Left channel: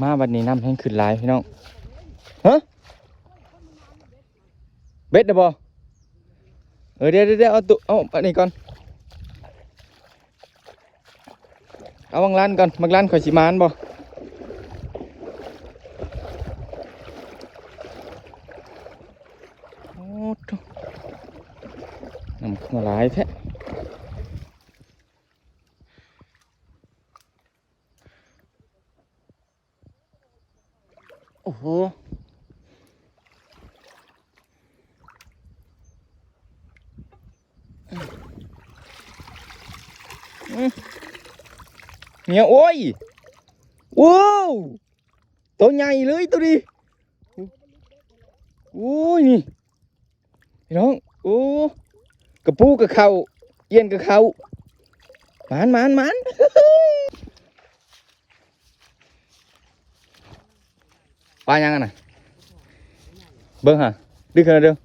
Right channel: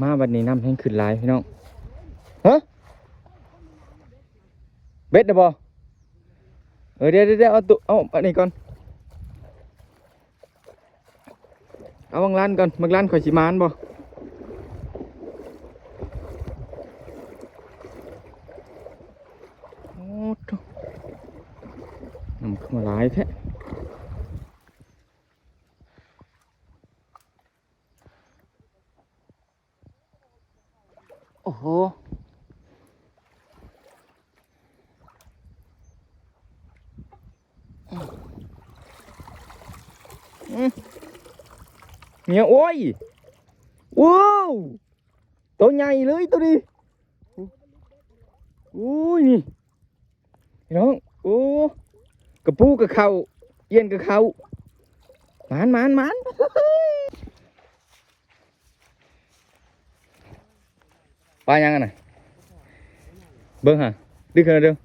มาวันนี้น้ำแห้งขึ้นหลายพี่น้องฮะเบ็ดนะบอเออเดี๋ยวเดี๋ยวเด้เอาตุเอาอันนี้ก่อนเอาบางร้านก่อนบางร้านข่อยสิมานบ่โอ้ทุน้ำขึ้นมาหลายแท้ โอ้โห เนี่ยโอ้ย ว้าวตัวใหญ่เลยตัวนี้โอ้ยนี่น้องโอ้กระปูกระเขาเอียนกระเขาหมานหมานหมาน ปลายังไงน่ะเบิ้งฮะดึกขนาดเดียว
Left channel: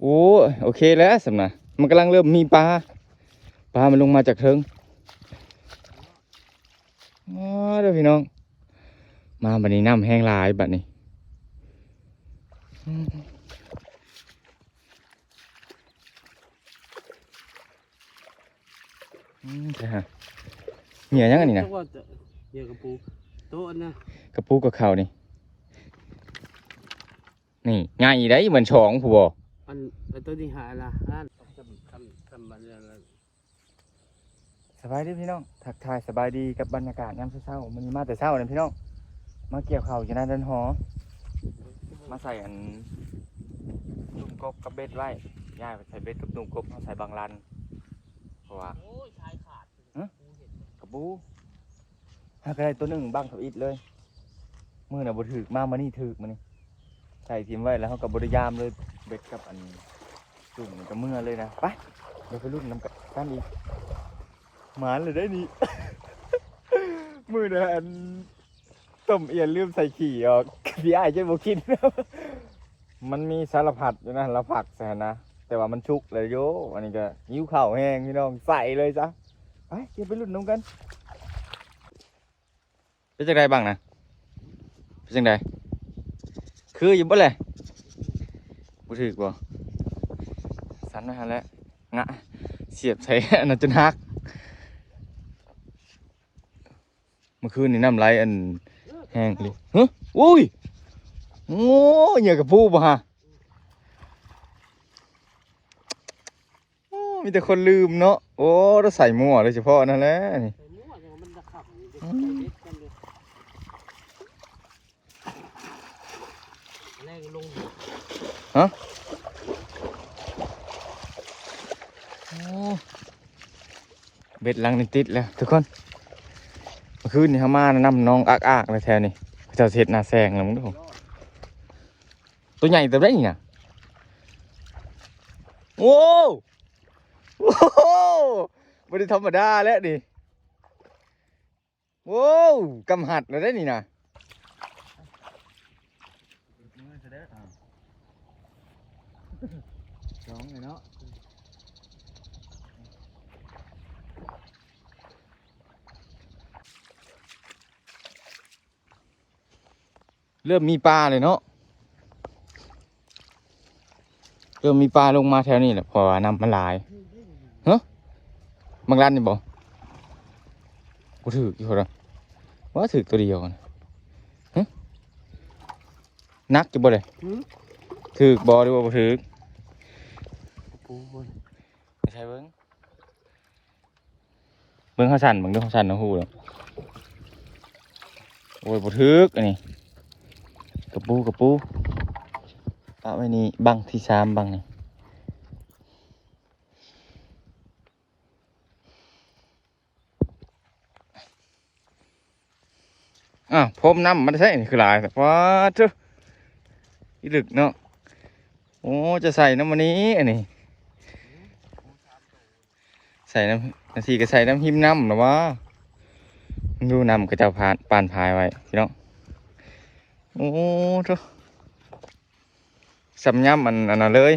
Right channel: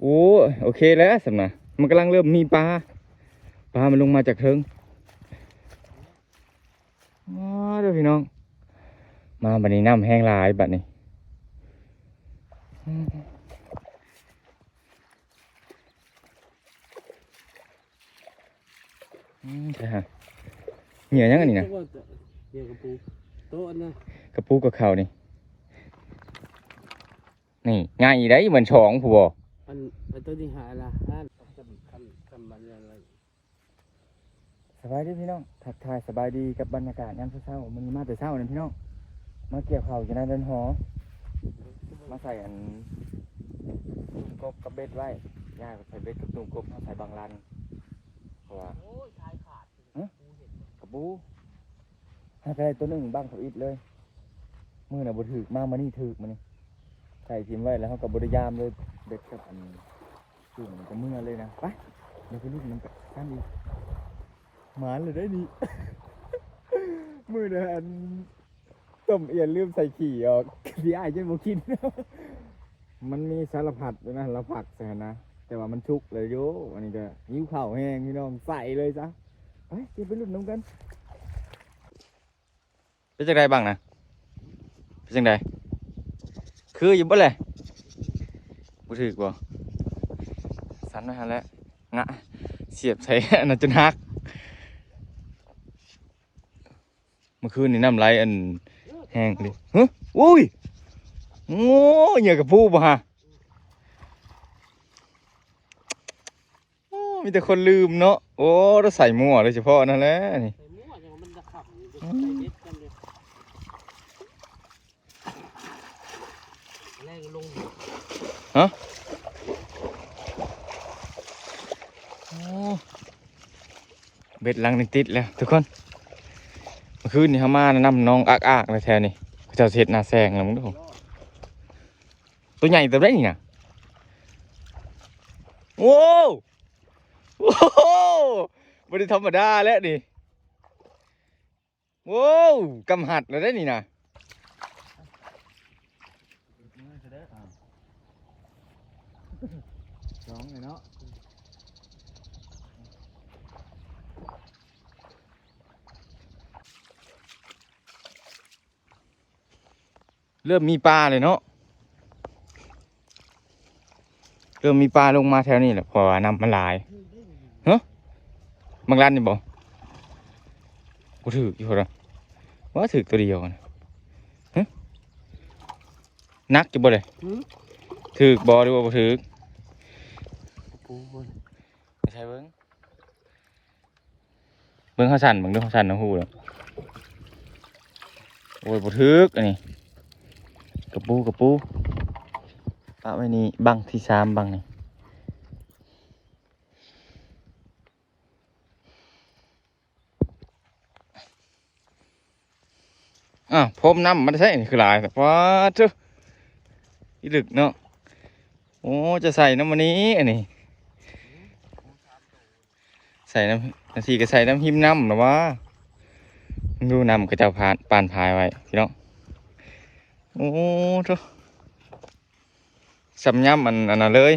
โอ้โอเคแล้วสำนะมันกำลังเริ่มมีปลาปลามันลงมาจากเทิงอ๋อเดี๋ยวพี่น้อง มาบัดนี้น้ำแห้งลายบัดนี้อืมใช่ฮะเหนียยังอันนี้นะเดี๋ยกระปู ต๊ะนะกระปูกับเขาวนี่ นี่ง่ายได้เหมือนช้องผู้บออันอันตัวที่หายละนั่นคำคำคำบันอะไรสบายดีพี่น้อง ทักทายสบายดีกับบรรยากาศยามเช้าๆมันมาแต่เช้าเนี่ยพี่น้อง มาเกี่ยวข้าวอยู่หน้าเดินหอ มาใส่อันตุ่มกบกับเบ็ดไว้ย่ายไปใส่เบ็ดกับตุ่มกบมาใส่บางรันเพราะว่าโอ้ยชายขาดกระปู หากได้ตัวหนึ่งบ้างทุกอิดเลยมือน่ะบ่ถึกมามานี่ถึกมานี่ใส่ทีมไว้แล้วเขากับบริยามเลยเบ็ดกับอันจุ่มมันกับมือเลยนะไปเดี๋ยวไปรุ่นน้ำกันกันอีกหมานเลยได้นี่ มือน่ะอันต้มเอียนลืมใส่ขี่ออกพี่ไอ้ายจะบ่คิดมันมีสารพัดอยู่นะเราผักใส่นะแต่ว่ามันชุกเลยโยอันนี้ก็ยิ้วข้าแห้งพี่น้องใส่เลยจ้ะไปเก็บไปรุ่นน้ำกัน เป็นจังไดบ้างนะเป็นจังไดคืออยู่บ่เลยบ่ถือบ่สันนะฮะแล้วงะเสียบใส่อันนั้นจนหักเมื่อคืนนี่น้ำไหลอันแห้งเลยฮะอุ้ยโอ้ยเหยื่อกับผู้บ่ฮะมีแต่คนลืมเนาะโอ้เราใส่หมั่วโดยเฉพาะนั่นแหละนี่จะขับมันจะใส่เด็ดกันเลยแรงลง เบ็ดลังนี่ติดแล้วทุกคนคืนนี่เขามาแนะนำน้องอักอักเลยแถวนี้เจ้าเช็ดนาแซงแล้วมึงดูตัวใหญ่ตัวได้นี่ะโอ้โอ้บริธรรมดาแล้วดิโว้กำหัดแล้วได้นี่นะ สองเลยเนาะเริ่มมีปลาเลยเนาะ เริ่มมีปลาลงมาแถวนี้แหละเพอน้ำมันหลายเฮ้บางร้านนี่บอกกูถือกี่คนละว่าถือตัวเดียวนะฮะนักจะบ่เลยถือบอหรือว่าบ่ถือ กระปูบนไม่ใช่เบิ้งเบิ้งเขาสันเบิ้งเรื่องเขาสันนะฮูเลยโอ้ยบ่ถือกอันนี้กระปูกระปูปะไว้นี่บังที่สามบังนี่อ้าวพรมน้ำมันใช่นี่คือหลายแต่ว่าเจ้าอีดึกเนาะโอ้จะใส่น้ำมันนี้อันนี้ ใส่น้ำนาทีก็ใส่น้ำหิมน้ำหรอว่าดูน้ำก็จะผ่านปานทายไว้พี่น้องโอ้ทุกสำยำมันอันนั้นเลย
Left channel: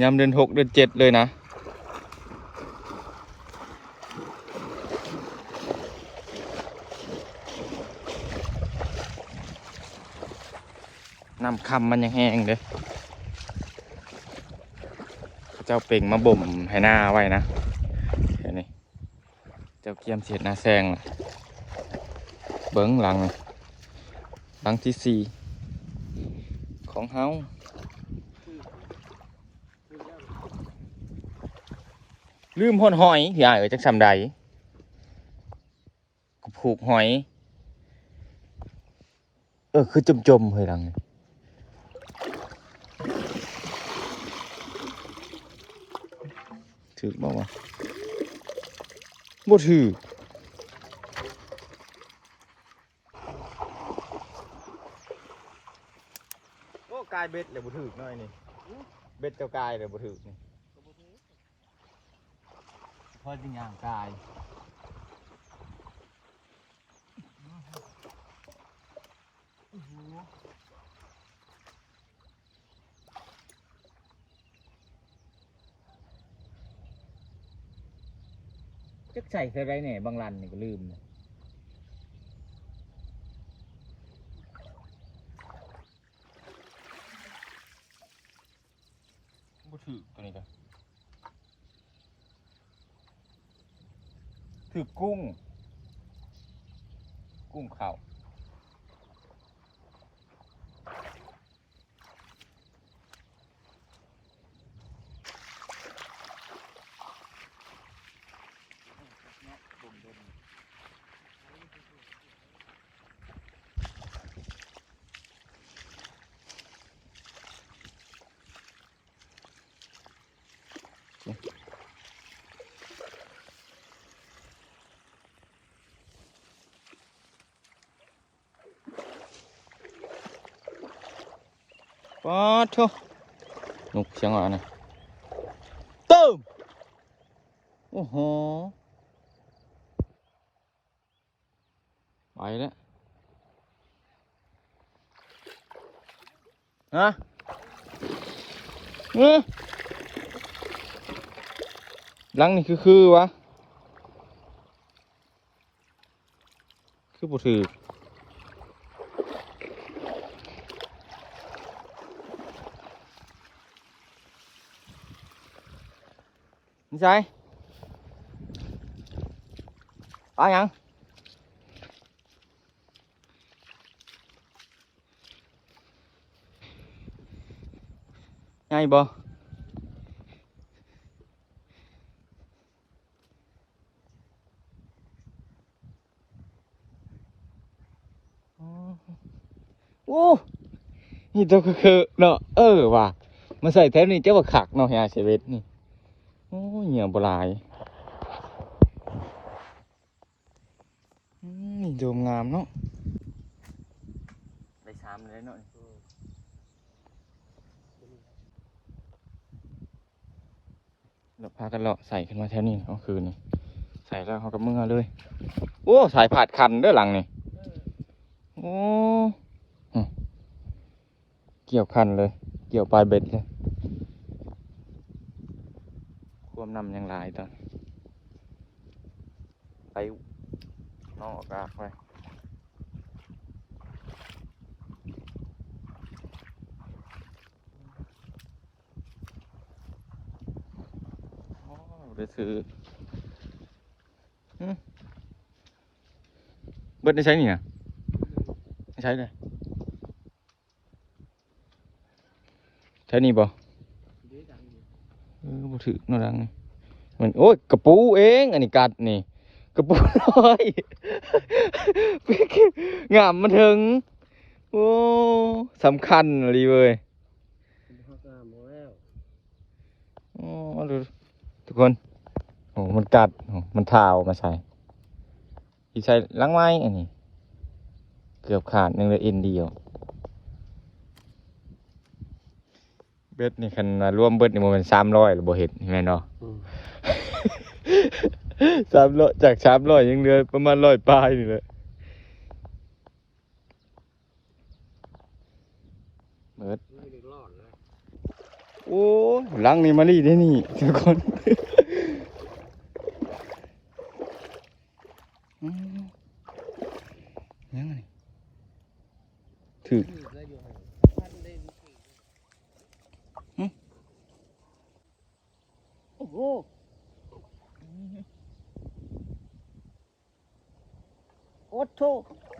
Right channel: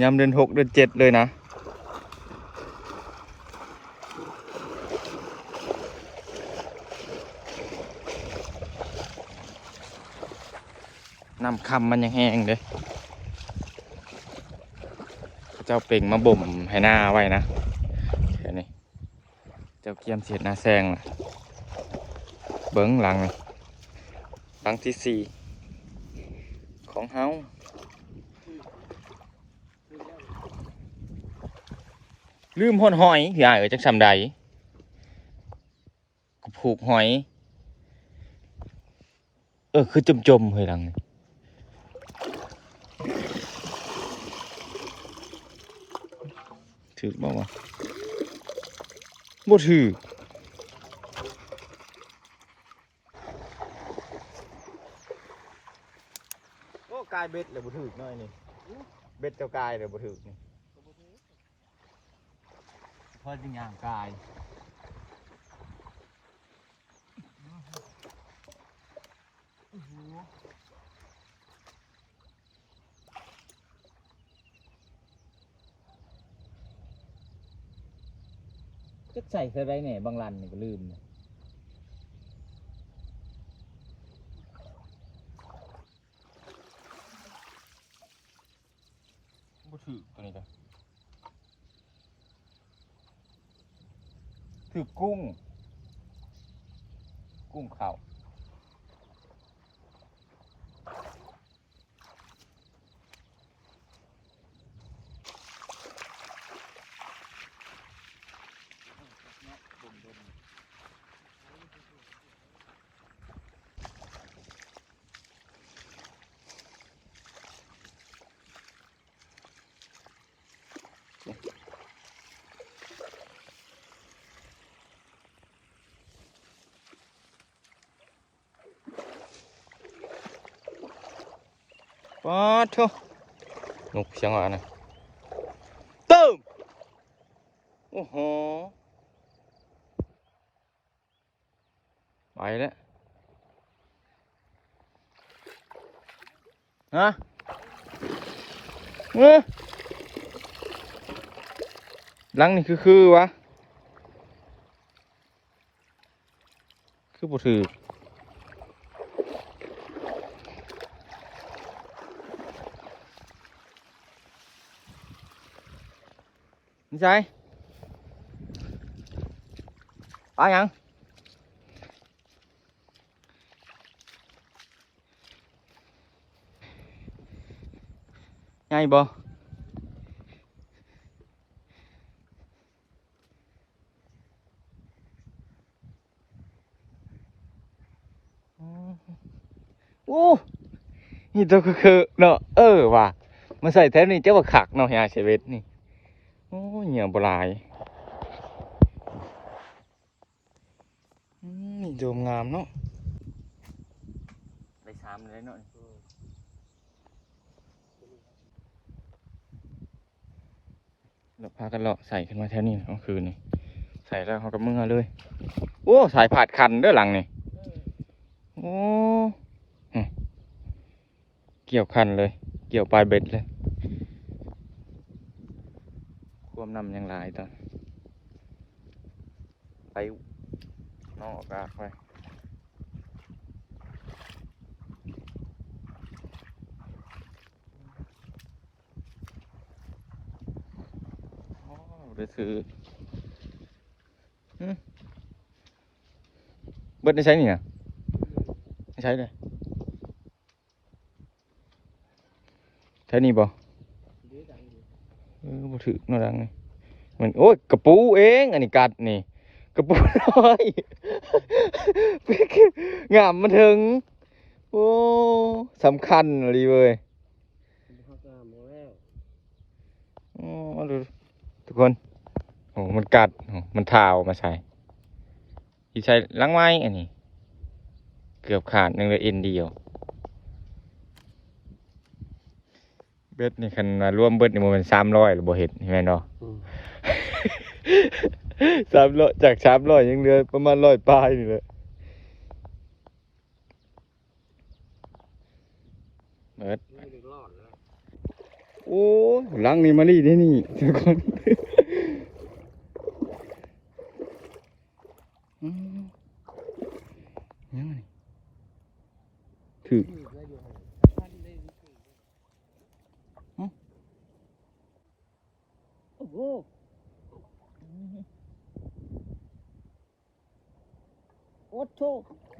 ยำเดือนหกเดือนเจ็ดเลยนะน้ำคำมันยังแห้งเลย เจ้าเป่งมาบ่มให้หน้าไว้นะเดี๋ยวนี้เจ้าเกียมเสียดหน้าแซงล่ะเบิ้งหลังหลังที่สี่ของเฮาลืมหอนหอยอย่าเอ๋จักสำใดผูกหอย เออ คือจมจมๆเฮ้ยหลังนี่ ถือบ้างวะบ่ถือโอ้กายเบ็ดเลยบ่ถือน้อยนี่เบ็ดเจ้ากายเลยบ่ถือนี่พอจริงอย่างกาย จักใส่เคยไรเนี่ยบางรันนี่ก็ลืมเนี่ยบ่ถือตัวนี้จ้ะถือกุ้ง กุ้งเขา ป๊าดโทุนกเสียงอะไรนะตึ้มอือหือไปแล้วฮะเออหลังนี่คือคือวะ คือบ่ถือ นี่ใช่ปลายังไงบ่อ๋อโอ้นี่ตัวคือเนอะเออว่ะมาใส่แถวนี้เจ้าว่าขักเนาะเฮียเชเวตนี่ เหี่ยบลายโดมงามเนาะได้สามเลยเนาะเราพากันเลาะใส่ขึ้นมาแถวนี้เอาคืนนี่ใส่แล้วเขาก็มือเลย โอ้สายผาดคันด้อหลังนี่เกี่ยวคันเลย เกี่ยวปลายเบ็ดเลย ค วมนำยังหลายตอนไปนอกอากาศไปโอ้ได้ถือเบิดได้ใช้นี่นะได้ใช้เลยใช้นี่บ่ เดี๋ยวดังอยู่ เออบ่ ถือโน่ดังนี่เหมือนโอ้ยกระปูเอง อันนี้กัดนี่ กระปูน้อยงามมาถึง โอ้สำคัญเลยเว้ยทุกคนโอ้มันกัด มันทาวมาใส่ที่ใช้ล้างไม้อันนี้ เกือบขาดหนึ่งเลยเอ็นเดียว เบ็ดนี่คันว่ารวมเบ็ดนี่มันสามร้อยหรือบ่เห็ดเห็นไหมเนาะอืมสามร้อยจากสามร้อยยังเหลือประมาณร้อยปลายนี่แหละเบิดไม่ได้รอดแล้วโอ้ล้างนี่มารีได้นี่ทุกคนอืมยังไงถือ นี่ก็อยู่ โอ้ โอ้โถ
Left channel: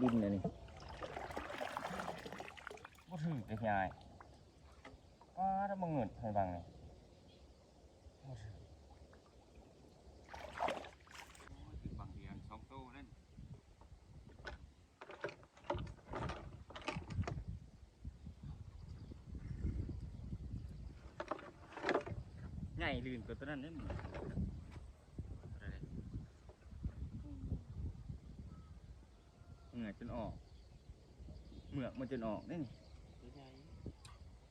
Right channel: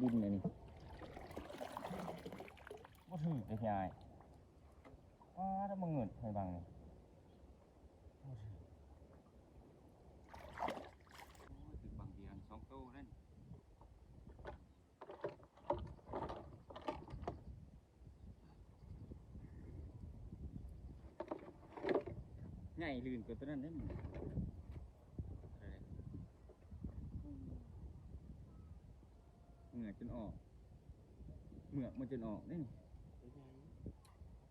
ดินอันนี้บ่ถือเลยพี่อายว้าถ้ามึงเงินให้บังนี่บ่ถือโอ้ยถือบังเดียวสองโตเล่น ใหญ่ลื่นกว่าตัวนั้นเด้มึงอะไรเด้เหงื่อจนออก เหมือกมันจนออกนี่นี่ตัวใหญ่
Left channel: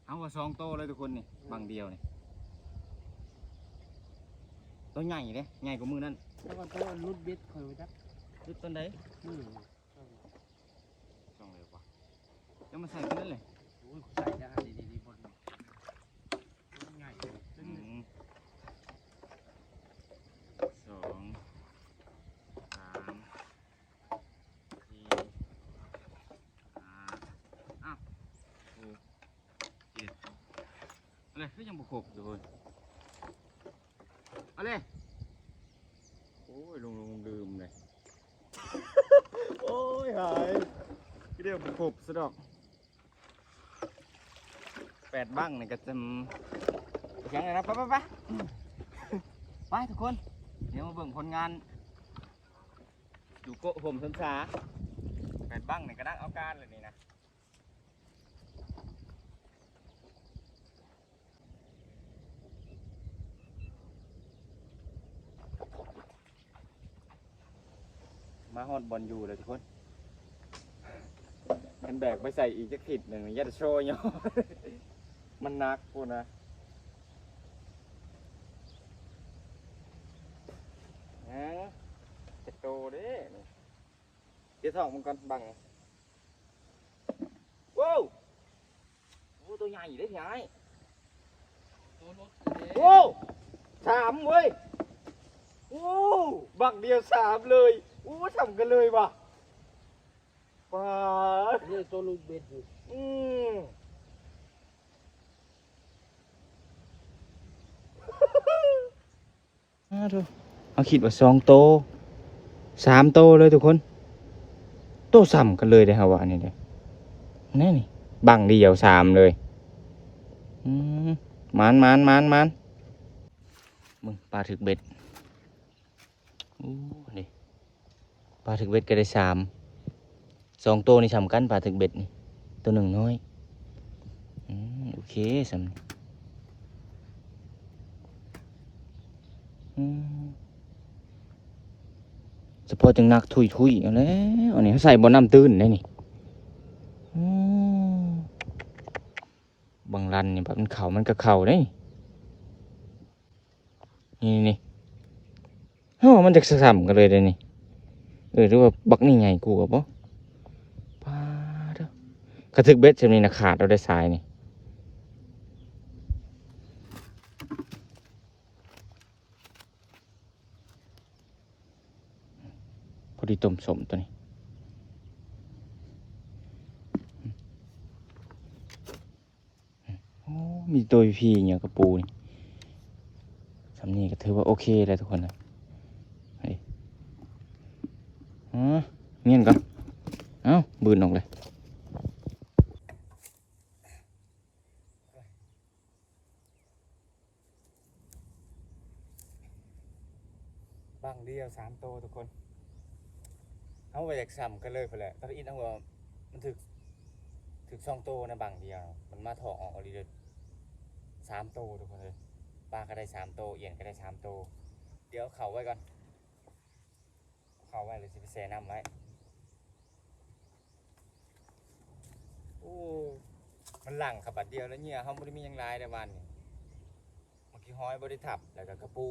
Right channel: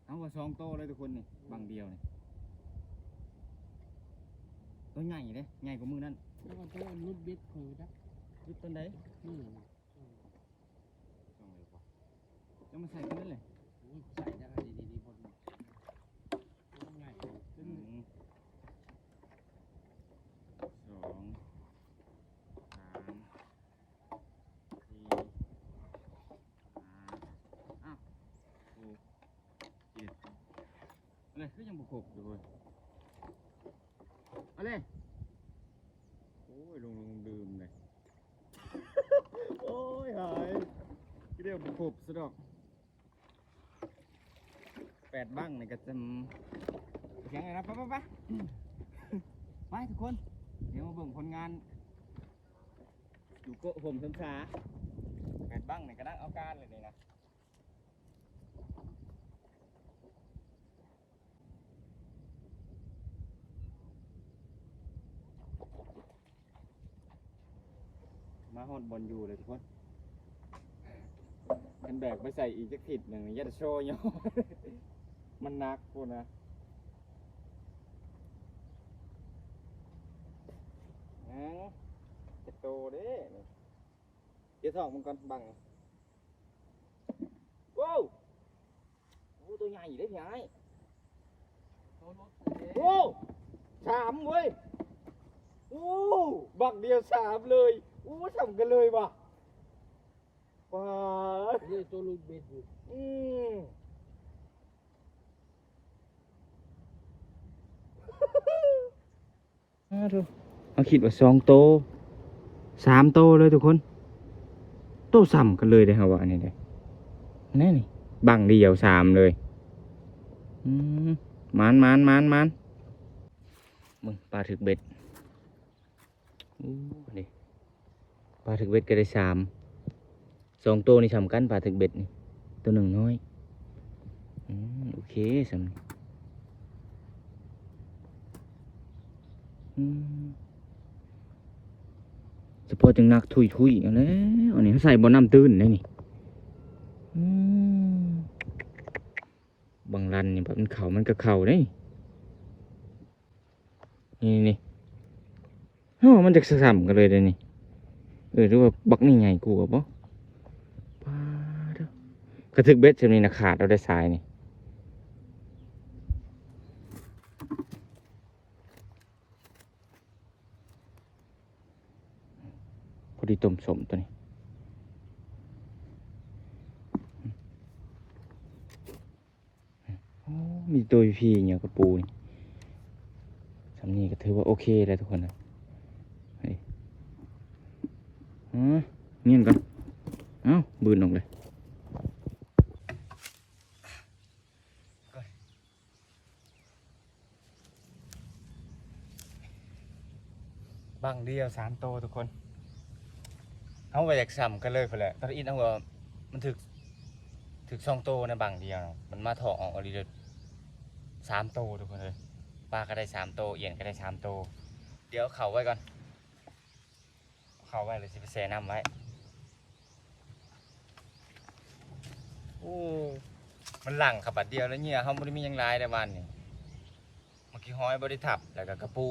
เอาว่าสองโตเลยทุกคนนี่บังเดียวนี่ตัวใหญ่เลยใหญ่กว่ามือนั่นแล้วก็ตัวรุดเบ็ดคอยไว้จักดูต้นใดมือสองเลยกว่าจะมาใส่กันนั่นเลยโอ้ยใส่ได้ดีดีๆบนบนง่ายซึ่ง หนึ่งสองสามสี่ห้าอ้าวหกเจ็ด อะไรก็ยังบุกครบอยู่เลยเอะไรโอ้ยลงลงลืมเลยโอ้ยหายเรียกบุกครบซะดอกแปดบ้างนี่ก็จะยังไงนะไปไปไปไปทุกคน เดี๋ยวมาเบิ่งผลงานอยู่โกะผมสนสาแปดบ้างนี่ก็นั่งเอาการเลยนี่นะ มาฮอดบอลอยู่เลยทุกคนกันแบกไปใส่อีกจักผิดหนึ่งยัดโชว์เนาะมันนักพูดนะฮะจะโตเด้เดี๋ยวถอกมันก่อนบังว้าวโอ้ตัวใหญ่เด้พี่ไอ้วรถโอ้สามเว้ยโอ้บักเดียวสามเลย อ้ทำกันเลยว่ะป้าดเรียกตัวรุดเบ็ดอยู่อืมเอาคิดว่าสองโตสามโตเลยทุกคน โตซ้ำกันเลยเด้อฮะว่านี่เด้อนั่นนี่บังเดียวสามเลยอืมมันมันมันมันมึงปลาถึกเบ็ดอู้นี่ปลาถึกเบ็ดก็ได้สามสองโตนี่สำคัญปลาถึกเบ็ดนี่ตัวหนึ่งน้อยอโอเคสำอืมเฉพาะจังนักทุยทุยเอาแล้วอันนี้เขาใส่บนน้ำตื้นได้นี่บางรันเนี่ยแบบมันเข่ามันก็เข่าได้นี่นี่เฮ้มันจะสามกันเลยเดี๋ยวนี้ เออหรือว่าบักนี่ไงกูกับปะปาดกระทึกเบ็ดเช่นนี้นะขาดเราได้สายนี่พอดีต้มสมตัวนี้โอ้มีตัวพีเนี่ยกระปูนี่สำนีก็ถือว่าโอเคเลยทุกคนนะเฮ้ย อ๋อเงียนก่อนเอ้าบืนออกเลยบังเดียวสามโตทุกคนเอาไปจากซ้ำกันเลยพอแหละตอนอินเอาว่ามันถึกถึกสองโตนะบังเดียว มันมาถอกออกอะไรเลยสามโตทุกคนเลยปลาก็ได้สามโตเอียนก็ได้สามโต เดี๋ยวเข่าไว้ก่อน เอาเขาไว้เลยสิไปแช่น้ำไว้โอ้มันหลังขับบัดเดียวแล้วเนี่ยเขาไม่ได้มีหยังหลายแต่วันนี่เมื่อกี้ห้อยบริทับแล้วก็กระปู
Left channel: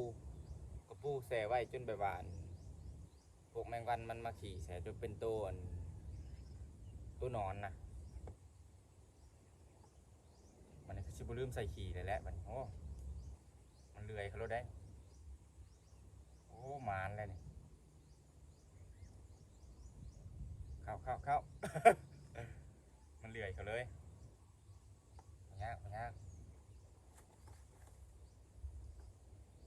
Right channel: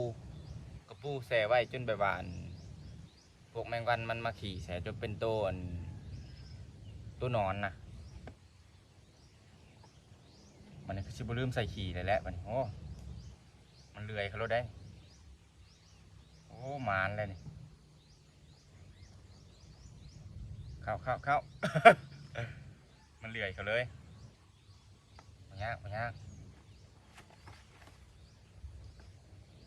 กระปูแช่ไว้จนแบบว่าอันพวกแมงวันมันมาขี่แสจนเป็นตัวอันตัวนอนนะมันนี่คือชิบลืมใส่ขี่เลยแหละมันโอ้มันเลื่อยเขารถได้โอ้หมานเลยนี่ เข้าเข้าเข้า มันเลื่อยเขาเลยมันยากมันยาก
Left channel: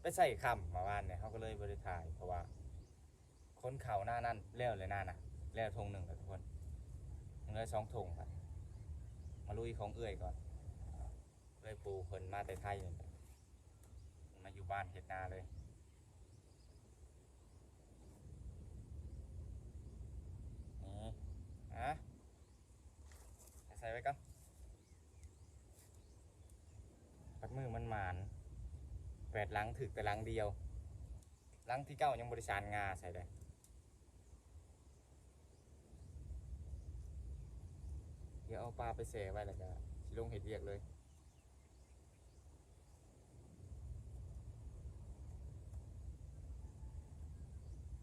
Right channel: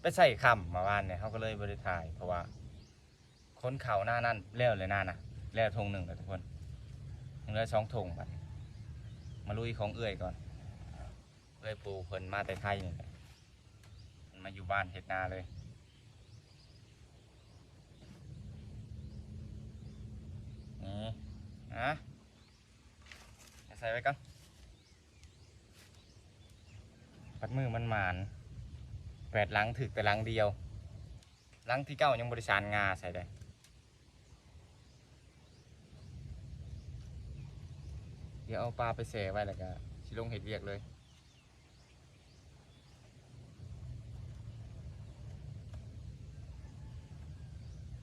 ไปใส่คำมาว่านเนี่ยเขาก็เลยบริถ่ายเพราะว่าคนเขาหน้านั่นแล้วเลยหน้านะแล้วทงหนึ่งแล้วทุกคนยังเหลือสองทงบัดมาลุยของเอื่อยก่อนเอื่อยปูเพิ่นมาแต่ไทยนี่มาอยู่บ้านเฮ็ดนาเลย นี่ อะใส่ไว้ก่อนปัดมือมันหมานแปดหลังถึกแต่หลังเดียวหลังที่เก้ายังบริสารงาใส่ได้เดี๋ยวเอาปลาไปแส่ไว้แล้วก็ชิลงเห็ดเวียกเลย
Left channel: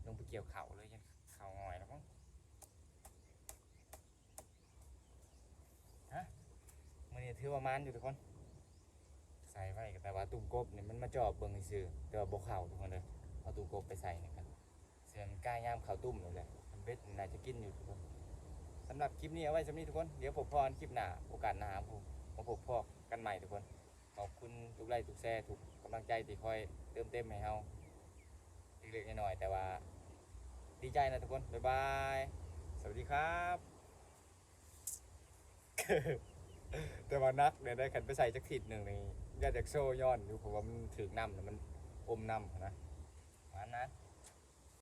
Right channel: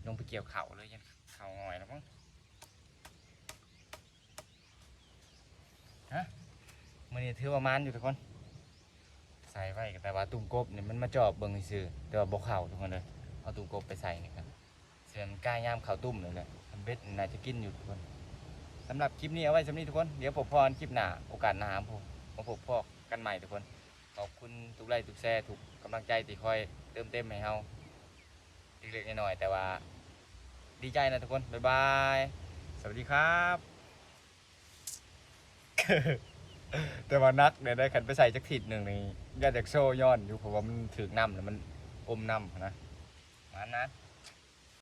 ลงไปเกี่ยวเข่าเลยยันเข่าหน่อยแล้วมั้ง มันนี่ถือว่ามันอยู่ทุกคน ใส่ไว้แต่ว่าตุ่มกบเนี่ยมันมาจอบเบิ่งซื่อแต่ว่าบ่เข่าทุกคนเลยเอาตุ่มกบไปใส่นี่ครับเสียมกล้ายามเข่าตุ่มเลยแหละทำเบ็ดน่าจะกินอยู่ทุกคนสำหรับคลิปนี้เอาไว้สำนี้ทุกคน เดี๋ยวผมพรคลิปหน้าโอกาสหน้าผมมาพบพอกันใหม่ทุกคน ขอบคุณทุกไลค์ทุกแชร์ทุกกำลังใจที่คอยเติมเต็มให้เฮาเล็กๆน้อยๆแต่ว่า ดีใจนะทุกคน บ๊ายบาย สวัสดีครับ แต่ว่านักเนี่ยได้ขันไปใส่จักทิดหนึ่งนี่ยาจากโซ่ย้อนอยู่เพราะว่ามันถือน้ำแล้วมันอมน้ำนะมันนะ